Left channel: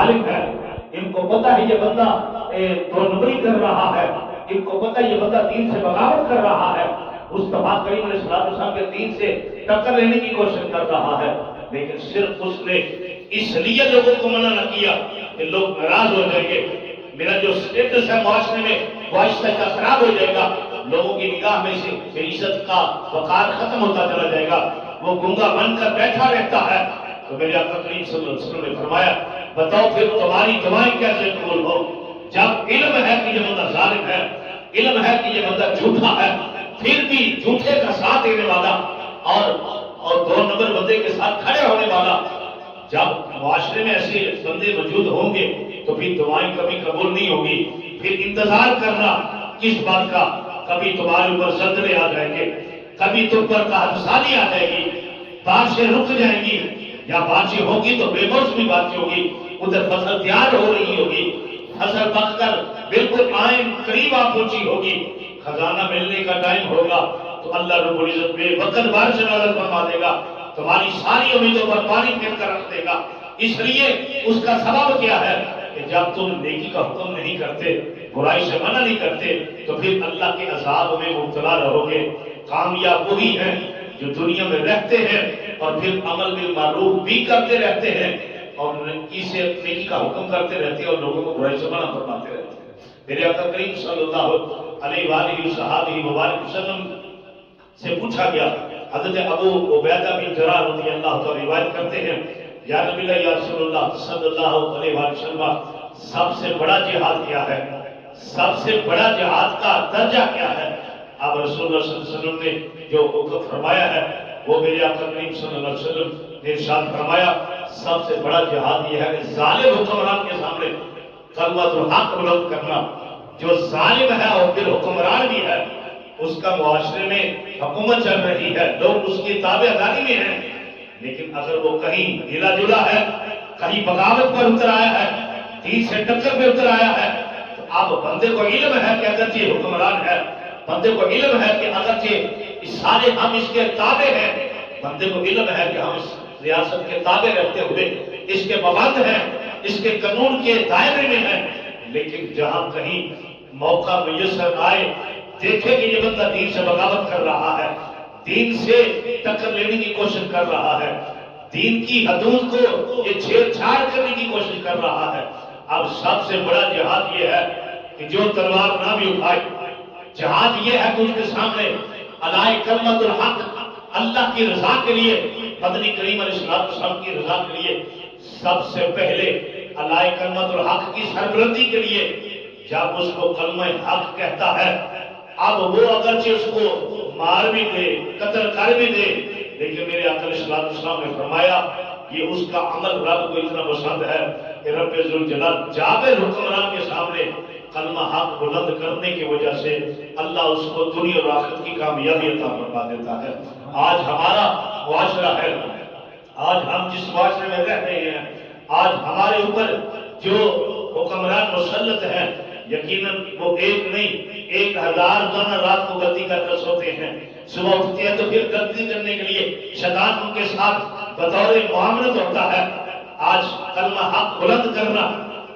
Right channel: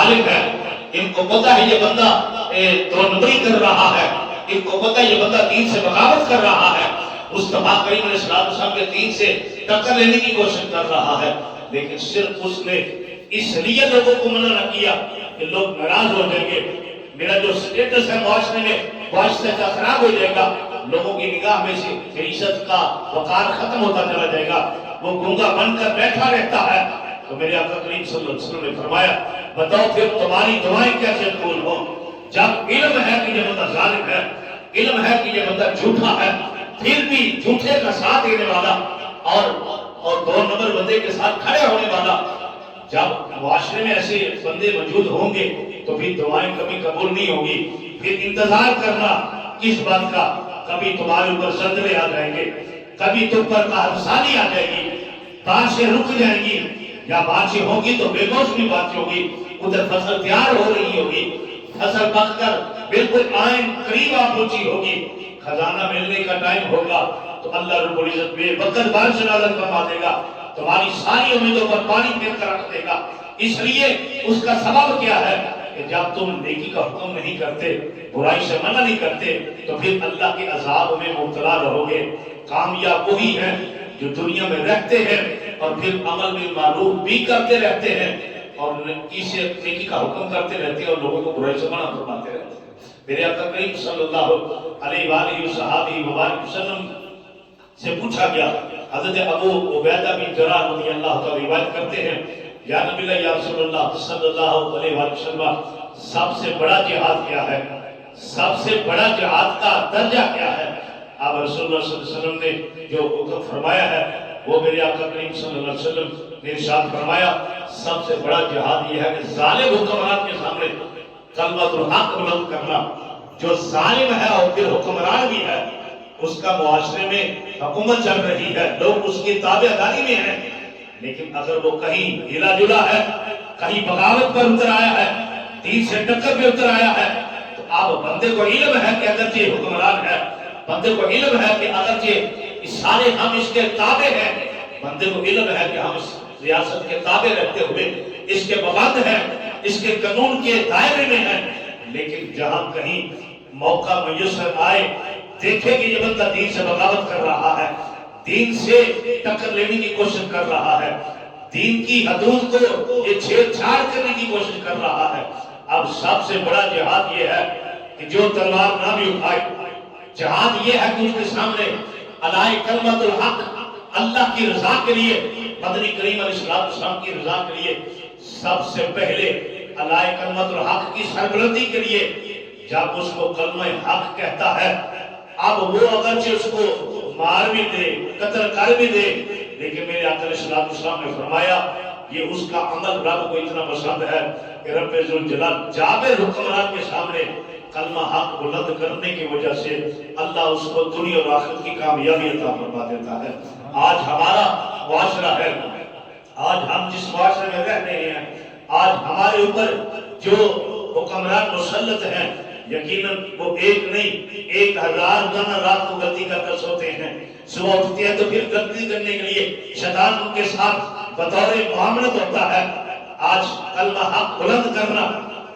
ظالم ہے، ان کو پتہ ہے یہ بندہ دو نمبری کر رہا ہے، ان کو پتہ ہے یہ بندہ دین سے بغاوت کر رہا ہے، مصطفیٰ کریم علیہ السلام کے دین سے ٹکر لینے کی کوشش کر رہا ہے، لیکن صرف اس نے اس لیے لوگوں کو منع نہ کیا کہ لوگ ناراض ہو جائیں گے، میرا جو سٹیٹس ہے معاشرے میں وہ آہستہ آہستہ خراب ہو جائے گا، لوگوں کی نگاہ میں سے عزت کا وقار ختم ہوتا چلا جائے گا، وہ گنگا بن کر بیٹھا رہتا ہے۔ تو میرے آقا کریم صلی اللہ علیہ وسلم نے فرمایا بتاؤ پھر تمہاری دعائیں کیسے قبول ہوں جب علم ہے کہ یہ بندہ ظالم ہے، علم ہے کہ یہ بندہ جھوٹا ہے، پھر بھی جھوٹے کا ساتھ دینے والا اور دو نمبر بندے کے ساتھ کھڑے ہونے والا۔ جب معاشرے میں ایسے بندے موجود ہوں گے تو پھر دعائیں کبھی قبول نہیں ہوگی، پھر انتظار کرنا کس بات کا، کبھی تمہارے اوپر زلزلے آ جائیں گے، کبھی تم پر قحط آ جائے گی، بارشیں رک جائیں گی، یا بارشیں ہوگی تو بے موسمی بارش ہوگی، ادھر فصل تیار ہو رہی ہوگی، فصل پک کر بالکل آئین قریب آ پہنچی ہوگی، خزانہ ملنے کا ٹائم ہوگا تو اللہ رب العزت بے وقت بارش نازل فرما دے گا، تمہاری ساری امیدوں پر پانی پھیر کر رکھ دے گا۔ اس لیے اس کا سبب کیا ہے کہ جب تم نیکی کا حکم نہیں کرتے، برائی سے منع نہیں کرتے تو پھر اللہ کے عذاب میں مبتلا رہو گے۔ کامیاب وہی ہیں جو دنیا میں رہتے ہیں اور پھر عمل بالمعروف بھی کرتے رہتے ہیں اور نیکی کا حکم کرتے رہتے ہیں اور لوگوں کو برائی سے منع فرماتے رہتے ہیں۔ میرے آقا کریم صلی اللہ علیہ وآلہ وسلم سے پوچھا گیا، حضرت ابو عبیدہ بن جراح رضی اللہ تعالی روایت کرتے ہیں، یا نبی اللہ یا رسول اللہ صلی اللہ علیہ وسلم سب سے بڑا جہاد کیا ہے؟ سب سے بڑا جہاد کا درجہ کیا ہے؟ آپ رسول اللہ صلی اللہ علیہ وسلم نے جو حکم فرمایا ہے وہ میرے آقا کریم صلی اللہ علیہ وسلم نے ارشاد فرمایا سب سے بڑا جہاد یہ ہے کہ ظالم حکمران کے سامنے کلمۃ الحق بلند کرنا۔ جو ظالم ہے اور پھر حکمران بھی ہے، اس کا معاشرے میں حکومت چل رہی ہے، لوگ اس کی تابع داری میں ہیں، لیکن اگر وہ کہیں ہلا جلا ہے، کہیں بغاوت پر اتر آیا ہے، دین سے ٹکر پہ اتر آیا ہے، تو اب بندے کو علم ہے کہ اگرچہ حکمران ہے، بندے کو علم ہے کہ اگرچہ سارے ہم اس کے تابع ہیں، بندے کو علم ہے کہ ہم اس ریاست کے تابع رہتے ہوئے اس کے پابند ہیں، اس کے قانون کے دائرے میں ہیں، لیکن جہاں کہیں موقع میسر آئے، دیکھیں کہ یہ بندہ دین سے بغاوت کر رہا ہے، دین سے ٹکر لینے کی کوشش کر رہا ہے، دین کی حدود کو یہ چھیڑ چھاڑ کرنے کی کوشش کر رہا ہے، اب سب سے بڑا جہاد یہ ہے کہ جو تلوار نہ بھی اٹھائے، جہاد یہ ہے کہ اس کے سامنے علائے کلمۃ الحق، اللہ کی رضا کے لیے، مدنی کریم علیہ السلام کی رضا کے لیے سب سے پہلے علائے کلمۃ الحق کی سربلندی کے لیے جب اس کو کلمہ حق کہتا ہے، اب وہ اگرچہ اس کو مار بھی دے، قتل کر بھی دے، لیکن میرے آقا علیہ السلام نے فرمایا یہ اس کا عمل رب کو اتنا پسند ہے کہ رب ذوالجلال جابر حکمران کے سامنے کلمہ حق بلند کرنے کی وجہ سے اللہ اس کو دنیا اور آخرت کی کامیابی عطا فرما دیتا ہے۔ آج ہمارا معاشرہ ہے، آج ہم جس معاشرے میں رہ رہے ہیں، آج ہمارے اوپر جو حکمران مسلط ہیں، یقیناً وہ ایک نہیں 1000 دن رات کو غلطی کر کر سوتے ہیں، صبح اٹھتے ہیں تو پھر غلطی کرنے کے لیے شیطان ان کے ساتھ بطور معاملت ہوتا ہے۔ آج کلمہ حق بلند کرنا،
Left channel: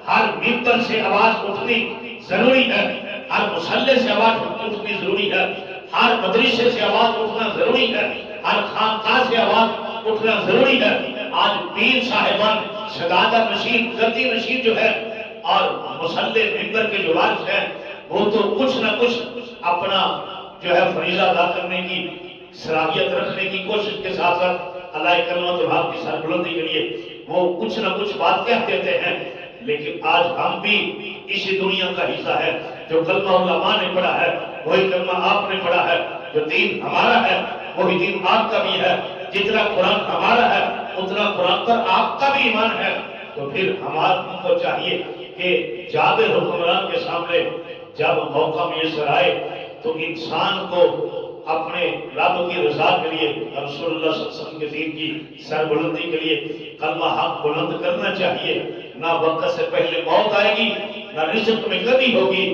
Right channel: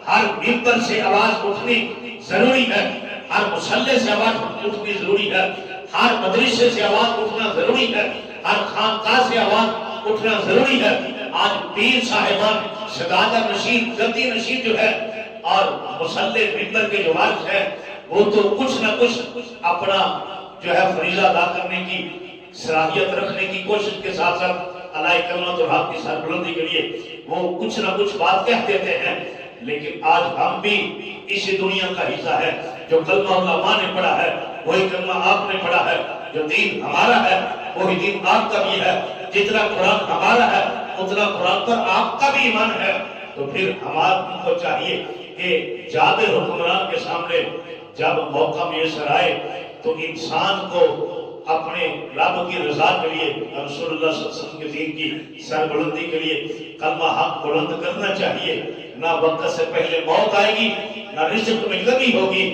ہر ممبر سے آواز اٹھنی ضروری ہے، ہر مصلی سے آواز اٹھنی ضروری ہے، ہر مدرسے سے آواز اٹھنا ضروری ہے، ہر خانقاہ سے آواز اٹھنا ضروری ہے۔ آج پیر صاحبان شہادت نشین، گدی نشین جو ہے اور مصلی ممبر کے جو وارث ہیں، وہ تو کچھ نہ کچھ اپنا جو ہے فریضہ ادا کرنے کی صلاحیت رکھنے کی کوشش کے ساتھ ساتھ علائے کلمۃ الحق کی سربلندی کے لیے وہ کچھ نہ کچھ بات کہہ دیتے ہیں، لیکن آج ہم بھی اسی دنیا کا حصہ ہے۔ جو کلمہ علماء نے پڑھا ہے وہی کلمہ آپ نے پڑھا ہے، جو دین ہمارا ہے وہی دین آپ کا بھی ہے، جتنا قرآن ہمارا ہے اتنا قرآن پر آپ کا بھی ایمان ہے۔ تو پھر ہم کو چاہیے کہ جابر حکمران کے سامنے جب موقع میسر آئے تو انسان کو اپنے رب کی رضا کے لیے، رسول اللہ صلی اللہ علیہ وسلم کے دین کی سربلندی کے لیے کلمہ حق بلند کرنا چاہیے۔ نہ وقت سے پہلے موت آئے گی، نہ رزق میں کمی ہوگی،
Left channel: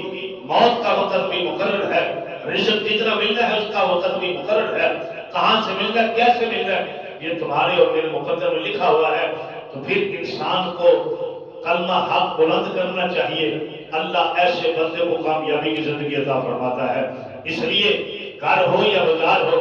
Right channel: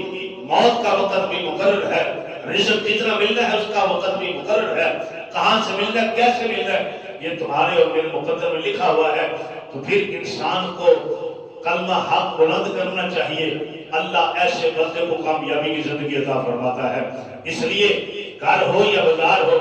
موت کا وقت بھی مقرر ہے، رزق جتنا ملتا ہے اس کا وقت بھی مقرر ہے، کہاں سے ملتا ہے، کیسے ملتا ہے، یہ تمہارے اور میرے مقدر میں لکھا ہوا ہے۔ تو پھر انسان کو کلمہ کلمہ حق بلند کرنا چاہیے، اللہ ایسے بندے کو کامیابی کی زندگی عطا فرماتا ہے۔ اس لیے گھر ہو یا بازار ہو،